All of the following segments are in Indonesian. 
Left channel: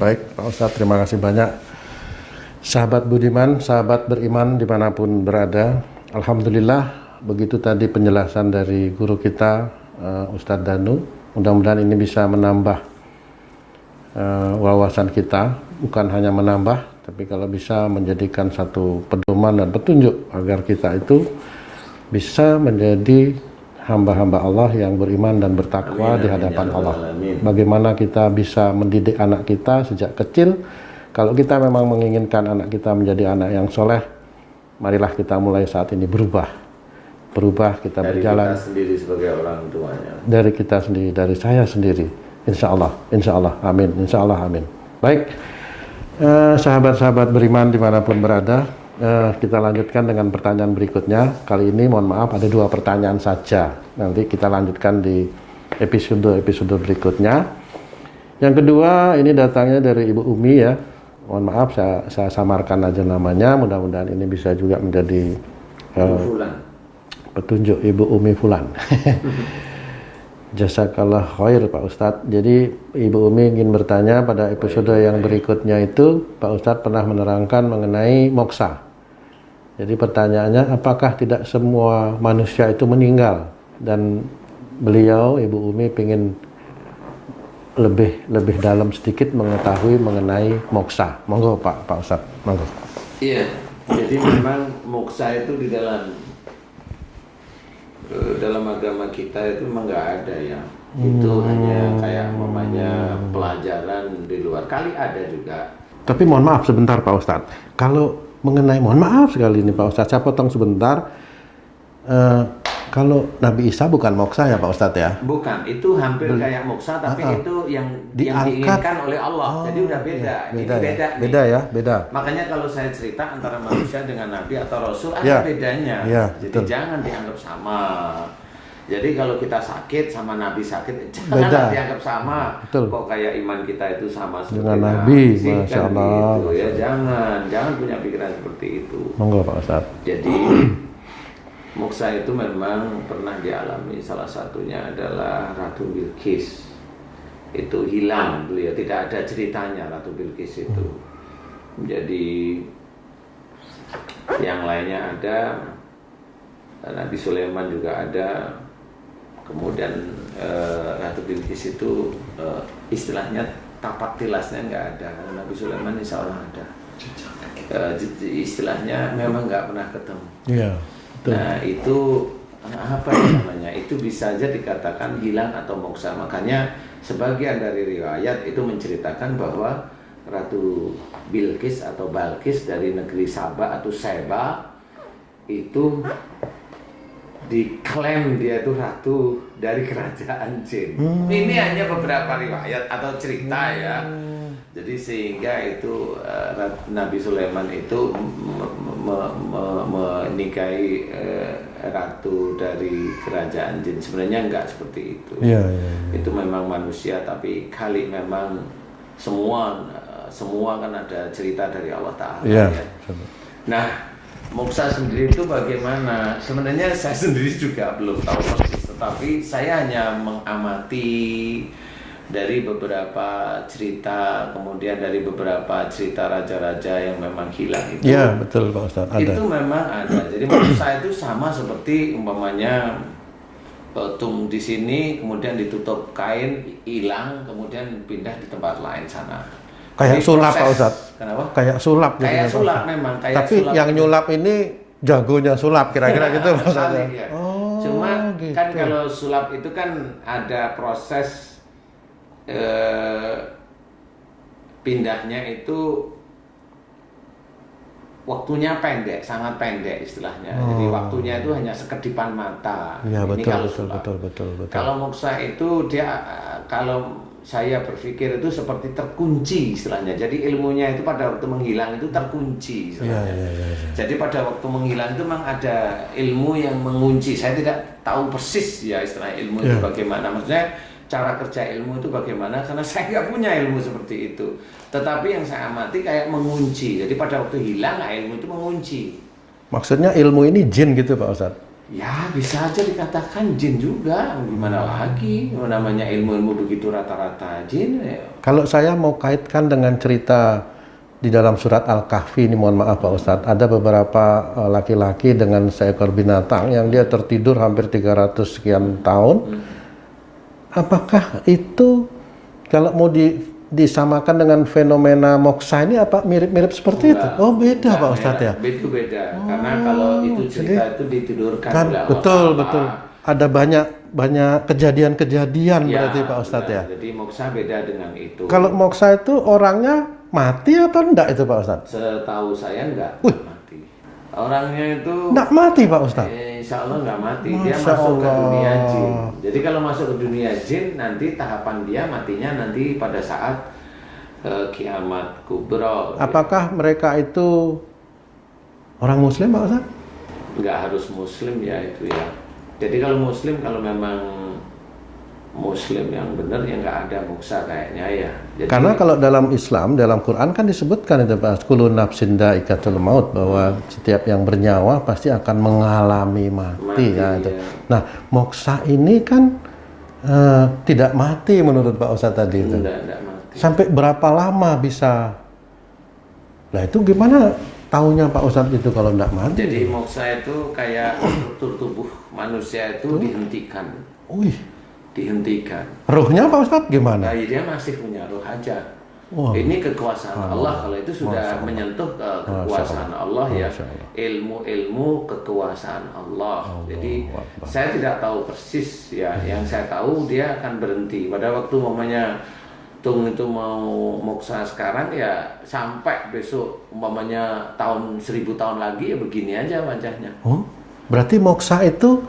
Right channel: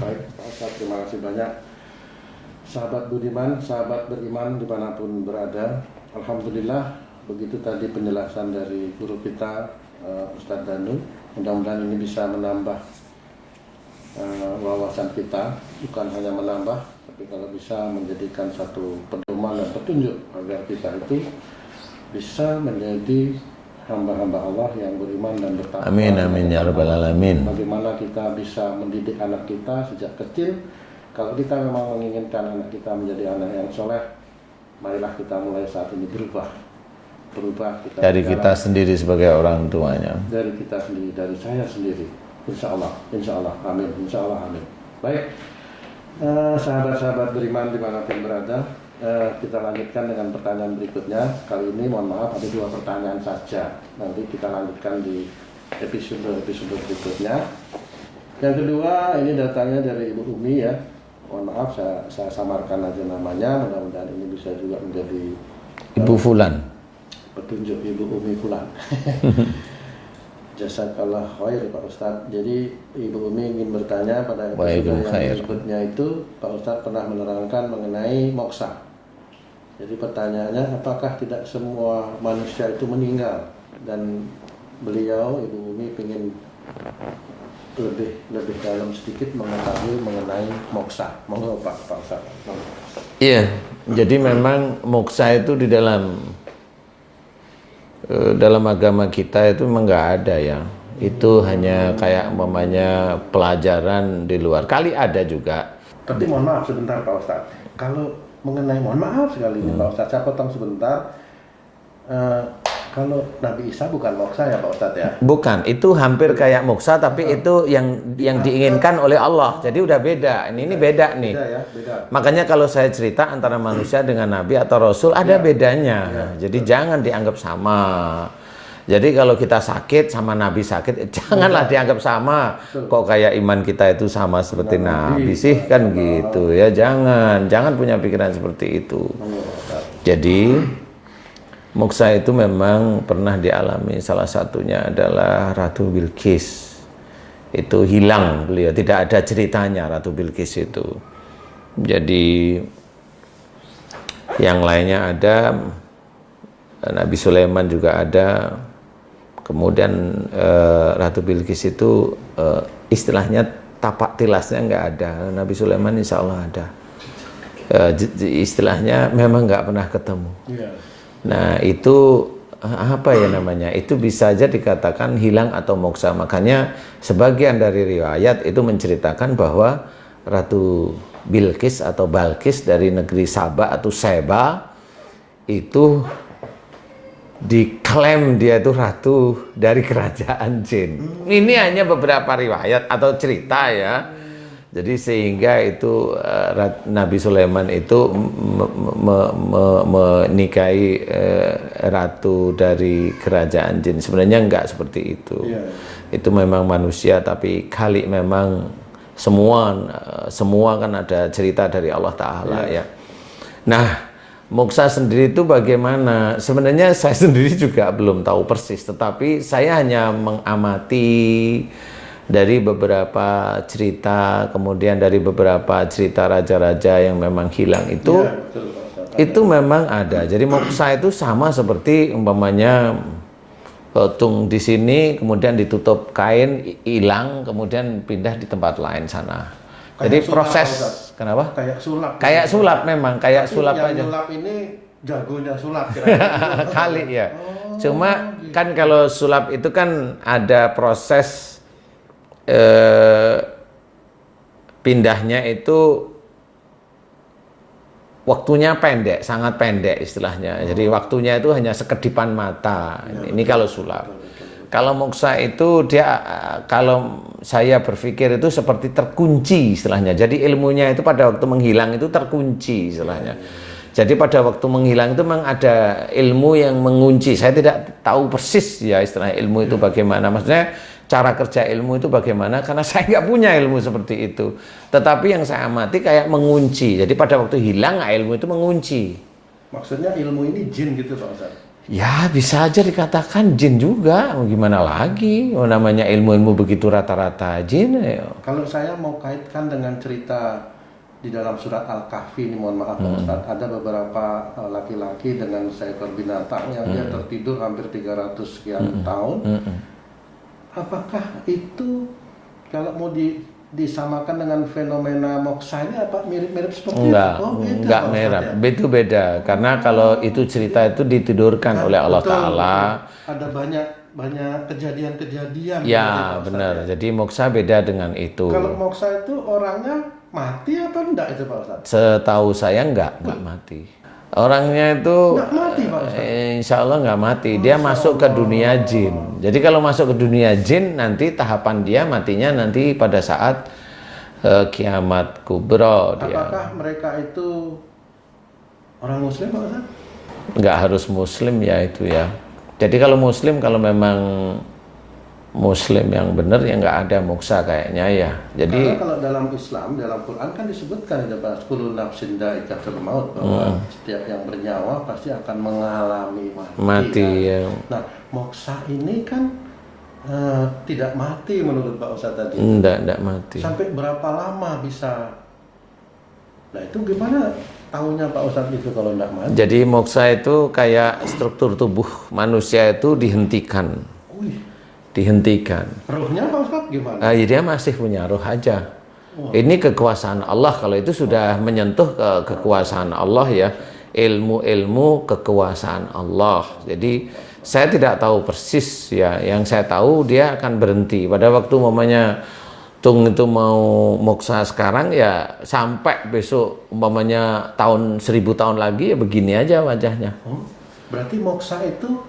Baik, Pak Ustadz, terima kasih banyak. Sahabat budiman, sahabat beriman dimanapun berada, Alhamdulillah, begitu tadi penjelasan dari guru kita, Ustadz Danu. Mudah-mudahan ini bisa menambah wawasan kita, bukan hanya menambah, tapi kalau bisa menjadikan satu pedoman dan petunjuk agar kita itu bisa menjadi hamba-hamba Allah yang beriman dan bertakwa di hadapan Allah. Bagaimana kita bisa mendidik anak kita sejak kecil. Kalau kita memang menginginkan anak kita menjadi anak yang soleh, marilah kita mulai saat ini berubah kita dari berjalan, kita sendiri sebagai orang tuanya, dari kita sendiri, dari saya sendiri, insya Allah, amin, insya Allah, amin. Baik, sahabat-sahabat beriman dimanapun berada, kita lanjutkan dengan pertanyaan berikutnya. Kali ini mohon maaf ada 2 pertanyaan saja. Nanti kita lanjutkan di episode berikutnya. Yang kedua ini datangnya dari Ibu Umi ya. Mohon maaf saya samarkan aja namanya. Mudah-mudahan ini bisa juga menjadi Ibu Fulan. Petunjuk Ibu Umi Fulan. Jazakallah khair Pak Ustadz. Jadi Ibu Umi ingin bertanya pada episode yang berikutnya itu Pak Ustadz pernah menerangkan mengenai moksa. Jadi pertanyaannya, apakah tidak semua manusia itu meninggal? Dan beliau, Ibu Umi, ingin lebih dalam sedikit mengetahui mengenai moksa. Monggo Pak Ustadz, monggo. Iya, jadi memang moksa itu di dalam agama kita itu memang nggak ada ya. Itu hanya kayak umpamanya pelajaran di luar. Kali ada juga. Tapi mohon maaf sebentar Pak Ustadz. Kalau mengenai, mohon maaf sekali ini Pak Ustadz, saya potong sebentar. Kalau Nabi Isa bukan moksa ya Pak Ustadz ya? Bukan, itu hampir kayak moksa, tapi itu yang diinginkan oleh Allah. Jadi udah beda. Ini beda nih. Beda ya, beda. Makanya kalau saya cerita antara manusia dengan Nabi atau Rasul ada bedanya. Jadi jangan dianggap sama. Jadi kalau kita sakit sama Nabi sakit, janganlah dianggap sama. Kok kayak iman kita itu sama seperti Nabi sih, kan gitu ya. Jangan punya pikiran seperti itu. Monggo Pak Ustadz. Jadi moksa itu memang pernah dialami, salah satunya adalah Ratu Bilqis. Itu hilang beliau, tidak ada ceritanya Ratu Bilqis itu. Jadi yang lainnya ada, Nabi Sulaiman juga ada. Kemudian Ratu Bilqis itu istilahnya tapak tilasnya nggak ada. Nabi Sulaiman insya Allah ada. Istilahnya memang nggak pernah ketemu. Nah itu apa ya namanya? Itu bisa aja dikatakan hilang atau moksa. Makanya sebagian dari riwayat itu menceritakan bahwa Ratu Bilqis atau Balqis dari negeri Saba atau Seba itu diklaim dia itu ratu dari kerajaan jin. Ini hanya beberapa riwayat atau cerita ya. Jadi sehingga itu Nabi Sulaiman itu menikahi ratu dari kerajaan jin. Sebenarnya enggak seperti itu. Itu memang manusia, tapi kali memang semua kan ada cerita dari Allah Ta'ala ya. Nah, moksa sendiri itu bagaimana? Sebenarnya saya sendiri juga belum tahu persis, tetapi saya hanya mengamati dari beberapa cerita, kemudian dari beberapa cerita raja-raja yang memang hilang itu. Iya, betul Pak Ustadz. Itu memang ada. Jadi moksa itu sama seperti umpamanya tung di sini, kemudian ditutup kain, hilang, kemudian pindah di tempat lain sana. Kayak sulap Pak Ustadz. Kenapa? Kayak sulap. Kayak sulap memang. Kayak tapi sulap yang nyulap ini jagonya sulap kira-kira gitu. Kali ya. Cuma gitu. Kan kalau sulap itu kan ada proses pindahnya itu waktunya pendek, sangat pendek istilahnya. Jadi waktunya itu hanya sekedipan mata. Ya, ini betul, kalau sulap. Betul. Kalau moksa itu dia, kalau saya berpikir itu seperti terkunci istilahnya. Jadi ilmunya itu pada waktu menghilang itu terkunci istilahnya. Jadi pada waktu menghilang itu memang ada ilmu yang mengunci. Saya tidak tahu persis ya istilahnya ilmu itu bagaimana. Maksudnya cara kerja ilmu itu bagaimana, karena saya nggak punya ilmu seperti itu. Tetapi yang saya amati kayak mengunci. Jadi pada waktu hilang ilmu itu mengunci. Maksudnya ilmu ini jin gitu Pak Ustadz? Ya bisa aja dikatakan jin juga, gimana lagi? Oh, namanya ilmu-ilmu begitu rata-rata jin. Ya. Kalau saya mau kaitkan dengan cerita di dalam surat Al-Kahfi ini, mohon maaf Pak Ustadz, ada beberapa laki-laki dengan seekor binatang yang dia tertidur hampir 300 sekian tahun. Apakah itu kalau mau disamakan dengan fenomena moksa ini apa mirip-mirip seperti Enggak, itu? Oh beda enggak Pak Ustadz ya? Itu beda, karena kalau itu cerita itu ditidurkan Kan, oleh Allah betul, Ta'ala. betul. Ada banyak kejadian-kejadian Ya, berarti Pak Ustadz benar. ya? Jadi moksa beda dengan itu. Kalau moksa itu orangnya mati atau enggak itu Pak Ustadz? Setahu saya enggak mati. Orangnya itu Enggak mati Pak Ustadz? insya Allah nggak mati. Dia masuk ke dunia jin. Jadi kalau masuk ke dunia jin, nanti tahapan dia matinya nanti pada saat kiamat kubro. Apakah mereka itu orang Muslim Pak Ustadz? Nggak harus Muslim ya itu ya. Jadi kalau Muslim, kalau memang Muslim yang benar ya nggak ada moksa kayaknya ya. Jadi, Karena kalau dalam Islam, dalam Quran kan disebutkan itu Pak, kullu nafsin dha'iqatul maut, bahwa setiap yang bernyawa pasti akan mengalami mati. Kan? ya. Nah, moksa ini kan tidak mati menurut Pak Ustadz tadi. Enggak mati. Sampai berapa lama bisa? Nah itu gimana taunya Pak Ustadz itu kalau tidak mati? Jadi moksa itu kayak struktur tubuh manusia itu dihentikan. Wih. Dihentikan. Ruhnya Pak Ustadz gimana? Nah, dia masih punya ruh aja. Ini kekuasaan Allah. Kalau itu sudah menyentuh ke kekuasaan Allah ya. Ilmu-ilmu kekuasaan Allah. Jadi saya tidak tahu persis ya. Yang saya tahu dia akan berhenti pada waktu umpamanya Tung itu mau moksa sekarang ya sampai besok umpamanya tahun 1000 tahun lagi ya begini aja wajahnya. Oh, berarti moksa itu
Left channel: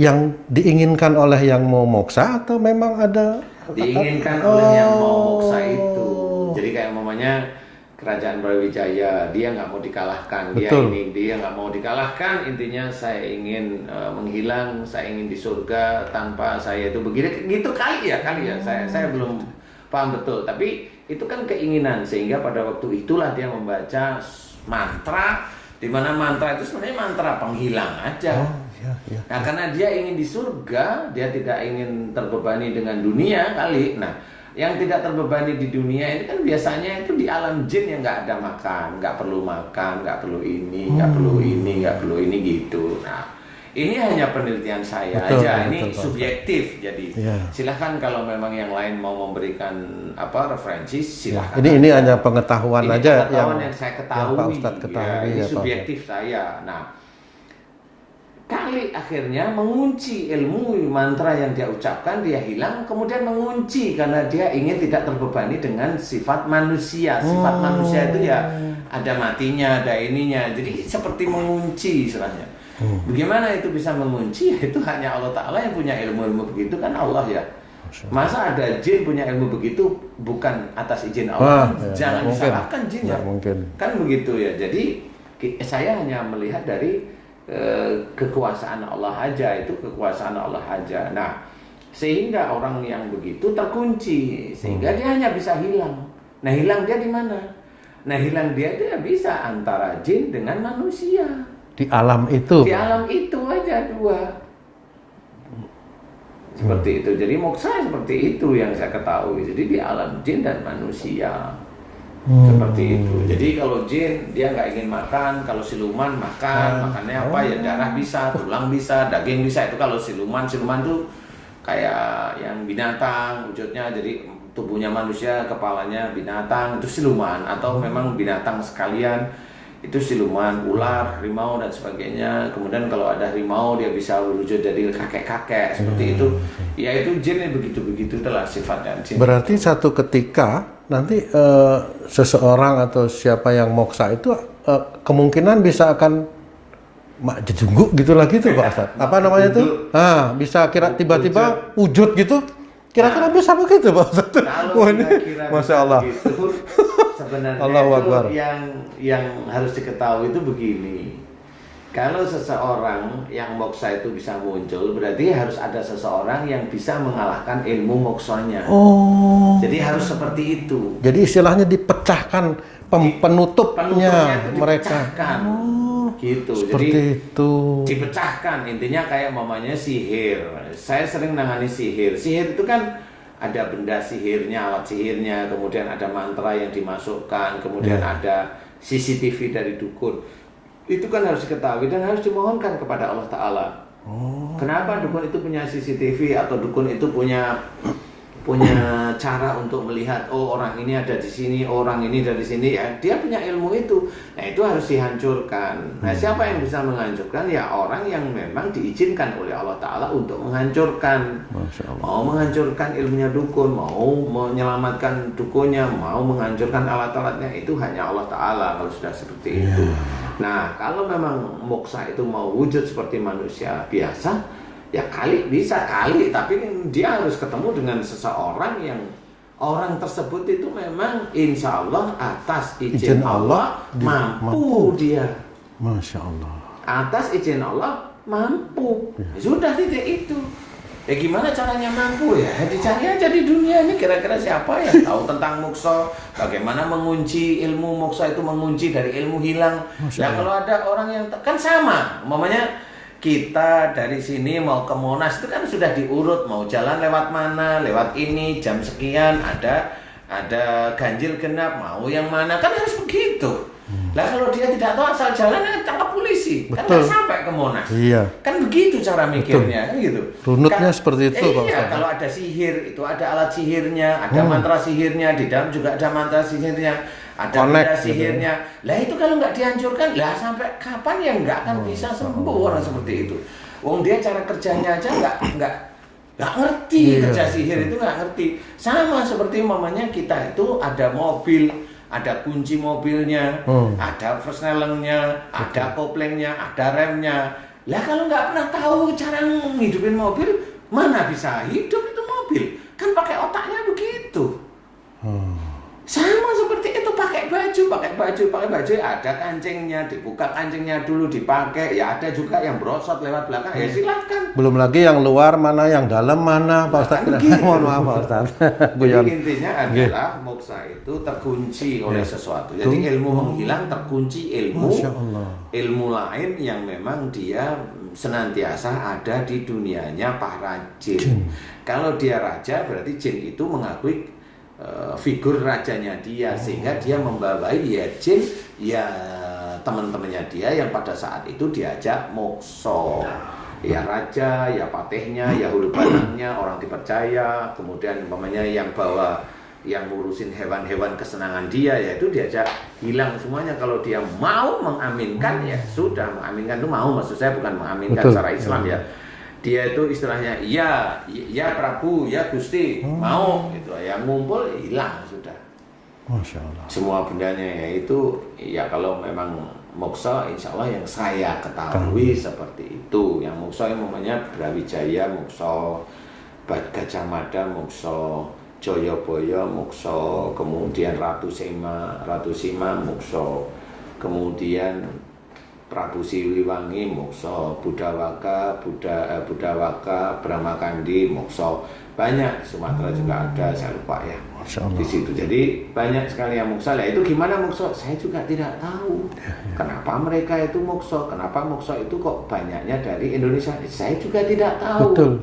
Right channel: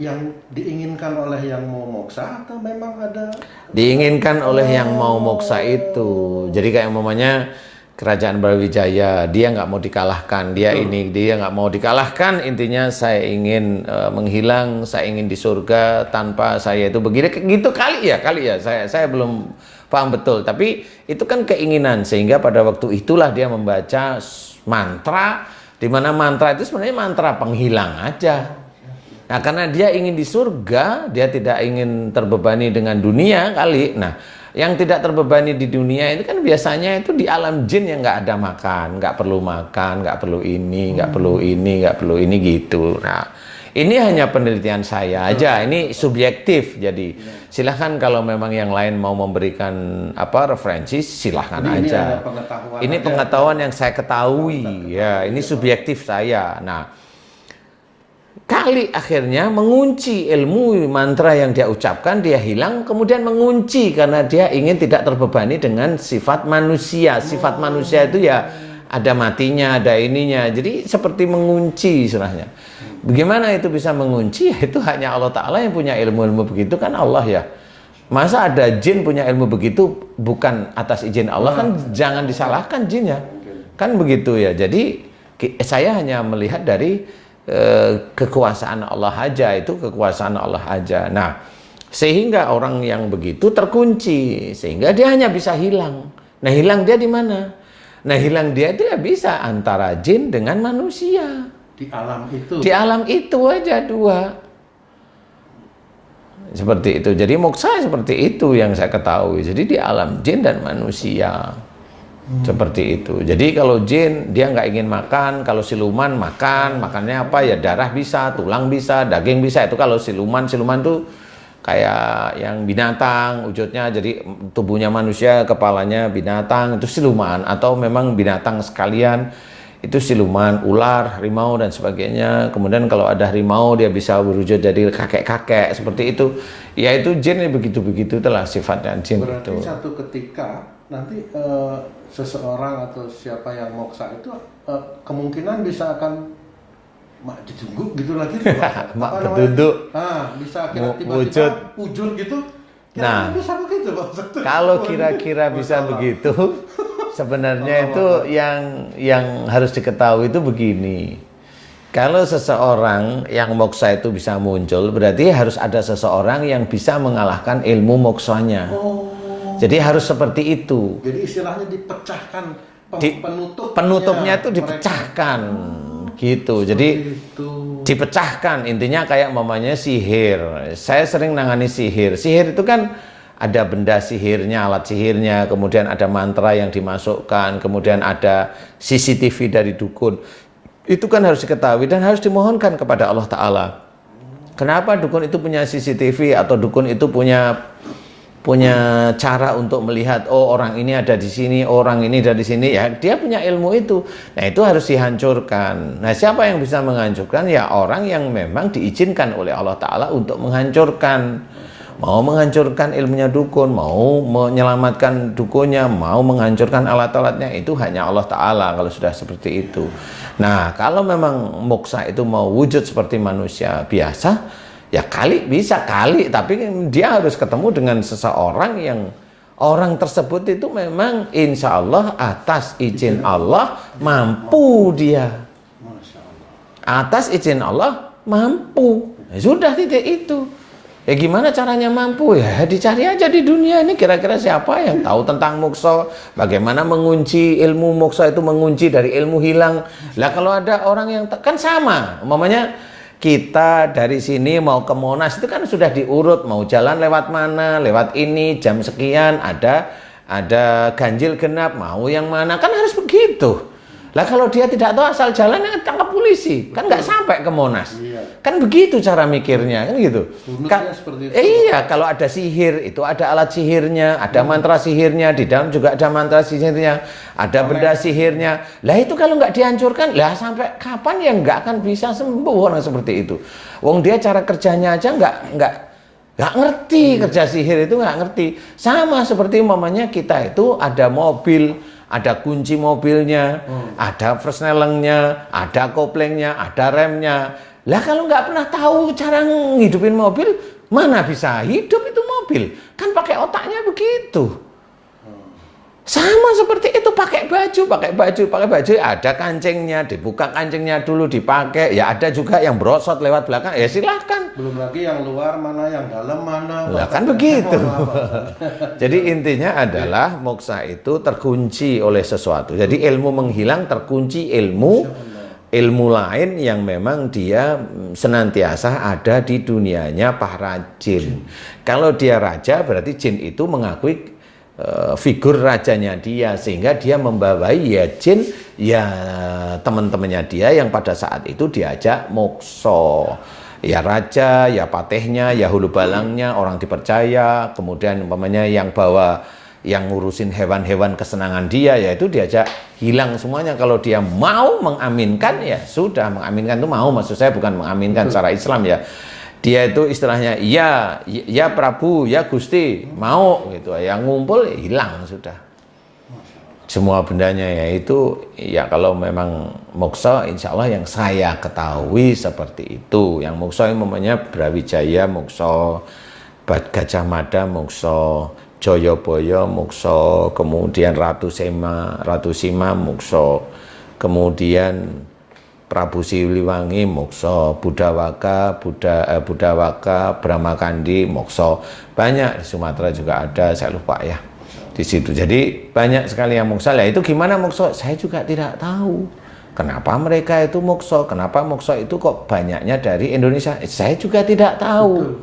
yang diinginkan oleh yang mau moksa atau memang ada? Diinginkan oleh yang mau moksa itu. Jadi kayak umpamanya kerajaan Brawijaya, dia nggak mau dikalahkan, dia nggak mau dikalahkan, intinya saya ingin menghilang, saya ingin di surga tanpa saya itu begini, gitu kali ya, saya belum paham betul, tapi itu kan keinginan, sehingga pada waktu itulah dia membaca mantra, di mana mantra itu sebenarnya mantra penghilang aja. Nah, karena dia ingin di surga, dia tidak ingin terbebani dengan dunia kali. Nah, yang tidak terbebani di dunia ini kan biasanya itu di alam jin yang nggak ada makan, nggak perlu makan, nggak perlu ini, nggak perlu ini gitu. Nah, ini hanya penelitian saya aja, ini subjektif. Jadi silahkan kalau memang yang lain mau memberikan referensi, silahkan aja. Ini hanya pengetahuan ini aja. pengetahuan yang saya ketahui. Ya, ini subjektif saya. Nah, kali akhirnya mengunci ilmu mantra yang dia ucapkan, dia hilang, kemudian mengunci karena dia ingin tidak terbebani dengan sifat manusia. Sifat manusia itu ya ada matinya, ada ininya. Jadi seperti mengunci istilahnya. Bagaimana itu bisa mengunci? Ya, itu hanya Allah Ta'ala yang punya ilmu-ilmu begitu kan Allah ya. Masa ada jin punya ilmu begitu bukan atas izin Allah? Kan jangan disalahkan jinnya. Kan begitu ya. Jadi saya hanya melihat dari kekuasaan Allah aja, itu kekuasaan Allah aja. Nah, sehingga orang yang begitu terkunci, sehingga dia hanya bisa hilang. Nah, hilang dia di mana? Nah, hilang dia itu ya bisa antara jin dengan manusia. Di alam itu? Di alam itu aja dua. Seperti itu. Jadi moksa seperti itu yang saya ketahui. Jadi di alam jin dan manusia. Seperti itu. Jadi kalau jin dia nggak ingin makan, kalau siluman makannya apa ya, darah bisa, tulang bisa, daging bisa. Itu kalau siluman tuh kayak yang binatang wujudnya, jadi tubuhnya manusia, kepalanya binatang, itu siluman. Atau memang binatang sekalian, itu siluman, ular, harimau dan sebagainya. Kemudian kalau ada harimau dia bisa berwujud jadi kakek-kakek seperti itu. Ya itu jin begitu-begitu itulah sifatnya jin. Berarti itu. satu ketika nanti seseorang atau siapa yang moksa itu kemungkinan bisa akan mak jedunggu gitu lagi tuh Pak. Apa namanya itu? Bisa kira tiba-tiba wujud gitu. Kira-kira bisa begitu Pak Ustaz? Kalau kira-kira bisa begitu, sebenarnya itu yang harus diketahui itu begini. Kalau seseorang yang moksa itu bisa muncul, berarti harus ada seseorang yang bisa mengalahkan ilmu moksanya. Jadi harus seperti itu. Jadi istilahnya dipecahkan penutupnya itu dipecahkan. gitu. Seperti Jadi itu. dipecahkan, intinya kayak mamanya sihir. Saya sering nangani sihir. Sihir itu kan ada benda sihirnya, alat sihirnya, kemudian ada mantra yang dimasukkan, kemudian ada CCTV dari dukun. Itu kan harus diketahui dan harus dimohonkan kepada Allah Ta'ala. Kenapa dukun itu punya CCTV atau dukun itu punya cara untuk melihat, oh orang ini ada di sini, orang ini ada di sini, ya dia punya ilmu itu. Nah itu harus dihancurkan. Nah siapa yang bisa menghancurkan? Ya orang yang memang diizinkan oleh Allah Ta'ala untuk menghancurkan. Mau menghancurkan ilmunya dukun, mau menyelamatkan dukunnya, mau menghancurkan alat-alatnya, itu hanya Allah Ta'ala kalau sudah seperti itu. Nah kalau memang moksa itu mau wujud seperti manusia biasa, ya bisa kali, tapi dia harus ketemu dengan seseorang yang orang tersebut itu memang insya Allah atas izin Allah mampu dia. Masya Allah. Atas izin Allah mampu. Ya, sudah titik itu. Ya gimana caranya mampu? Ya dicari aja di dunia ini kira-kira siapa yang tahu tentang moksa, bagaimana mengunci ilmu moksa itu, mengunci dari ilmu hilang. Lah kalau ada orang yang kan sama, umpamanya kita dari sini mau ke Monas itu kan sudah diurut, mau jalan lewat mana, lewat ini, jam sekian, ada ganjil genap, mau yang mana, kan harus begitu. Lah kalau dia tidak tahu asal jalan, tangkap polisi, kan nggak sampai ke Monas. Iya. Kan begitu cara mikirnya, kan gitu. Runutnya seperti itu. Iya, kalau ada sihir, itu ada alat sihirnya, ada mantra sihirnya, di dalam juga ada mantra sihirnya, ada benda sihirnya. Lah itu kalau nggak dihancurkan, lah sampai kapan ya nggak akan bisa sembuh orang seperti itu. Wong dia cara kerjanya aja nggak ngerti, kerja sihir itu nggak ngerti. Sama seperti mamanya kita itu ada mobil, ada kunci mobilnya, ada persnelengnya, ada koplengnya, ada remnya. Lah kalau nggak pernah tahu cara ngidupin mobil, mana bisa hidup itu mobil? Kan pakai otaknya begitu. Sama seperti itu, pakai baju, ada kancingnya, dibuka kancingnya dulu, dipakai. Ya ada juga yang brosot lewat belakang, ya silahkan. Belum lagi yang luar mana, yang dalam mana. Kan begitu. Jadi intinya adalah moksa itu terkunci oleh sesuatu. Jadi ilmu menghilang, terkunci ilmu lain yang memang dia senantiasa ada di dunianya para jin. Kalau dia raja, berarti jin itu mengakui figur rajanya dia, sehingga dia membawai ya jin, ya teman-temannya dia yang pada saat itu diajak mokso, ya raja, ya patehnya, ya hulu balangnya, orang dipercaya, kemudian umpamanya yang bawa, yang ngurusin hewan-hewan kesenangan dia, yaitu diajak hilang semuanya. Kalau dia mau mengaminkan, ya sudah, mengaminkan itu mau, maksud saya bukan mengaminkan secara Islam ya. Dia itu istilahnya ya Prabu, ya Gusti, mau gitu. Yang ngumpul hilang sudah. Masya Allah. Semua bendanya yaitu ya kalau memang moksa, insya Allah yang saya ketahui seperti itu. Yang moksa yang namanya Brawijaya moksa, Gajah Mada moksa, Joyoboyo moksa, kemudian Ratu Sima moksa, kemudian Prabu Siliwangi moksa, Budawaka, Bramakandi moksa. Banyak di Sumatera juga ada, saya lupa ya di situ. Jadi banyak sekali yang moksa. Lah itu gimana moksa? Saya juga tidak tahu. Kenapa mereka itu moksa? Kenapa moksa itu kok banyaknya dari Indonesia? Saya juga tidak tahu.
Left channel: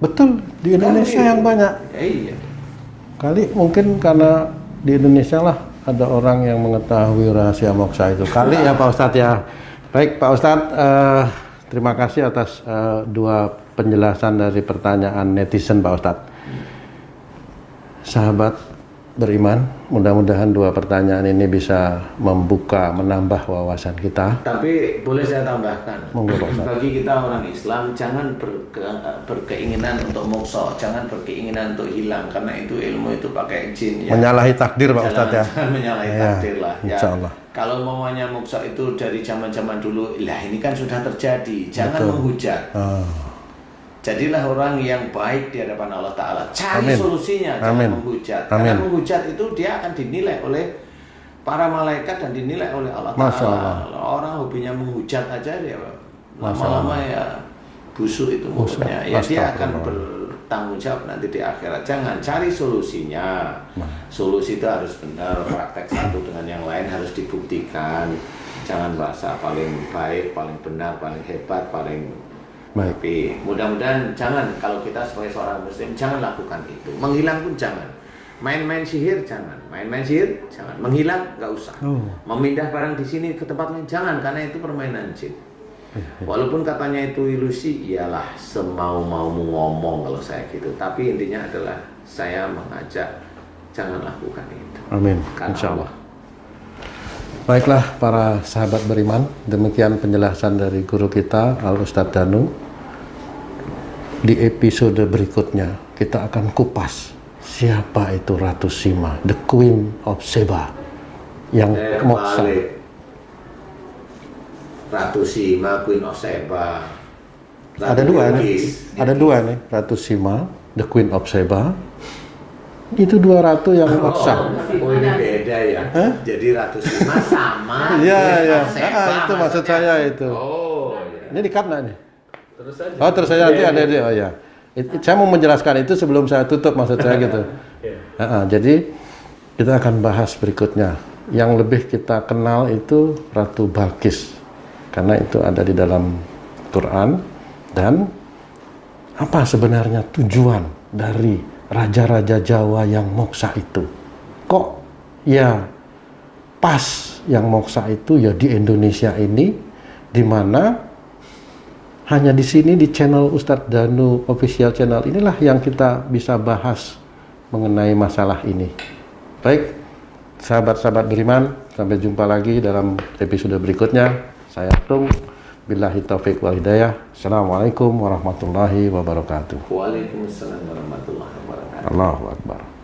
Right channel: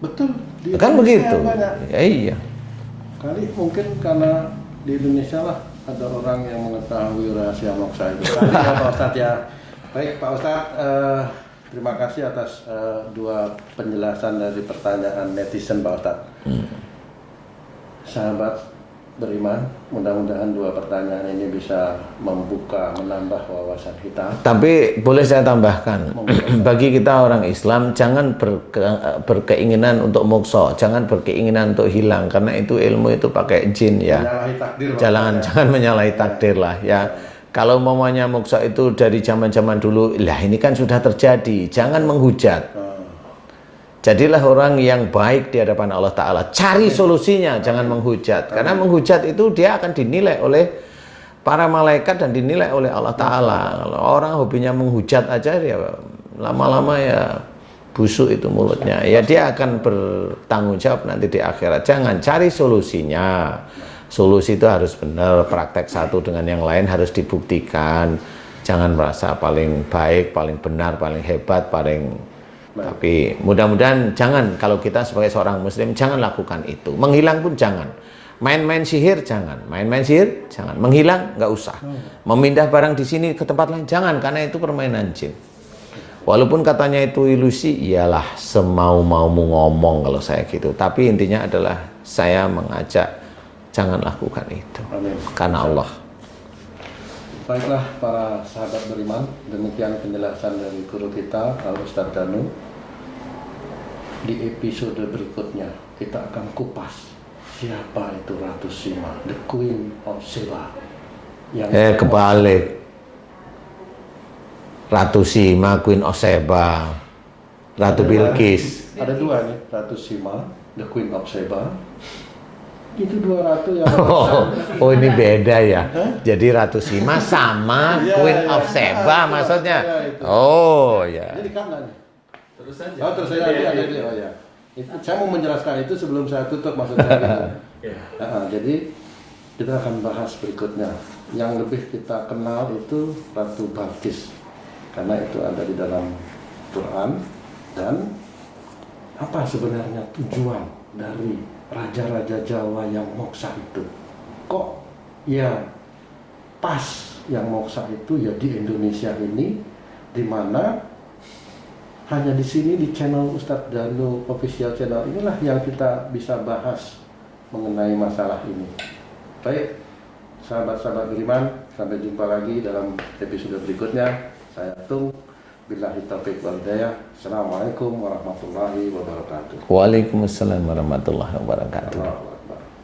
Betul. Di Indonesia yang banyak. Ya, iya. Kali mungkin karena di Indonesia lah ada orang yang mengetahui rahasia moksa itu. Kali ya Pak Ustadz ya. Baik Pak Ustadz, terima kasih atas dua penjelasan dari pertanyaan netizen Pak Ustadz. Sahabat beriman, mudah-mudahan dua pertanyaan ini bisa menambah wawasan kita. Tapi boleh saya tambahkan, bagi kita orang Islam jangan berkeinginan untuk moksa, jangan berkeinginan untuk hilang, karena itu ilmu itu pakai jin ya. Menyalahi takdir Pak Ustadz ya. Jangan menyalahi takdir lah ya. Kalau mamanya moksa itu dari zaman-zaman dulu, lah ini kan sudah terjadi, jangan menghujat. Jadilah orang yang baik di hadapan Allah Ta'ala. Cari solusinya, jangan menghujat. Karena menghujat itu dia akan dinilai oleh para malaikat dan dinilai oleh Allah Ta'ala. Orang hobinya menghujat aja, dia lama-lama ya busuk itu mulutnya. Ya dia akan bertanggung jawab nanti di akhirat. Jangan, cari solusinya. Solusi itu harus benar, praktek satu dengan yang lain harus dibuktikan. Jangan merasa paling baik, paling benar, paling hebat, paling tapi mudah-mudahan jangan, kalau kita sebagai seorang muslim jangan lakukan itu. Menghilang pun jangan. Main-main sihir jangan. Main-main sihir jangan. Menghilang nggak usah. Memindah barang di sini ke tempat lain jangan, karena itu permainan jin. Walaupun katanya itu ilusi, iyalah semau-maumu ngomong kalau saya gitu. Tapi intinya adalah saya mengajak jangan lakukan itu. Amin. Karena Allah. Baiklah para sahabat beriman, demikian penjelasan dari guru kita Al Ustadz Danu. Di episode berikutnya kita akan kupas siapa itu Ratu Sima, the Queen of Sheba. Yang Kebalik. Ratu Sima, Queen of Sheba, Ratu Bilqis. Ada dua nih, Ratu Sima, the Queen of Sheba. Itu dua ratu yang moksa. Oh ini beda ya. Jadi Ratu Sima sama Queen of Sheba itu maksudnya. Itu. Oh ya. Ini dikat nih? Terus saja. Oh terus saya nanti ada dia. Oh ya. Saya mau menjelaskan itu sebelum saya tutup, maksud saya gitu. Jadi kita akan bahas berikutnya. Yang lebih kita kenal itu Ratu Balqis, karena itu ada di dalam Quran. Dan apa sebenarnya tujuan dari raja-raja Jawa yang moksa itu? Kok ya pas yang moksa itu ya di Indonesia ini, di mana hanya di sini di channel Ustadz Danu official channel inilah yang kita bisa bahas mengenai masalah ini. Baik, sahabat-sahabat beriman, sampai jumpa lagi dalam episode berikutnya. Saya Tung, billahi taufiq wal hidayah. Assalamualaikum warahmatullahi wabarakatuh. Waalaikumsalam warahmatullahi wabarakatuh. Allahu Akbar.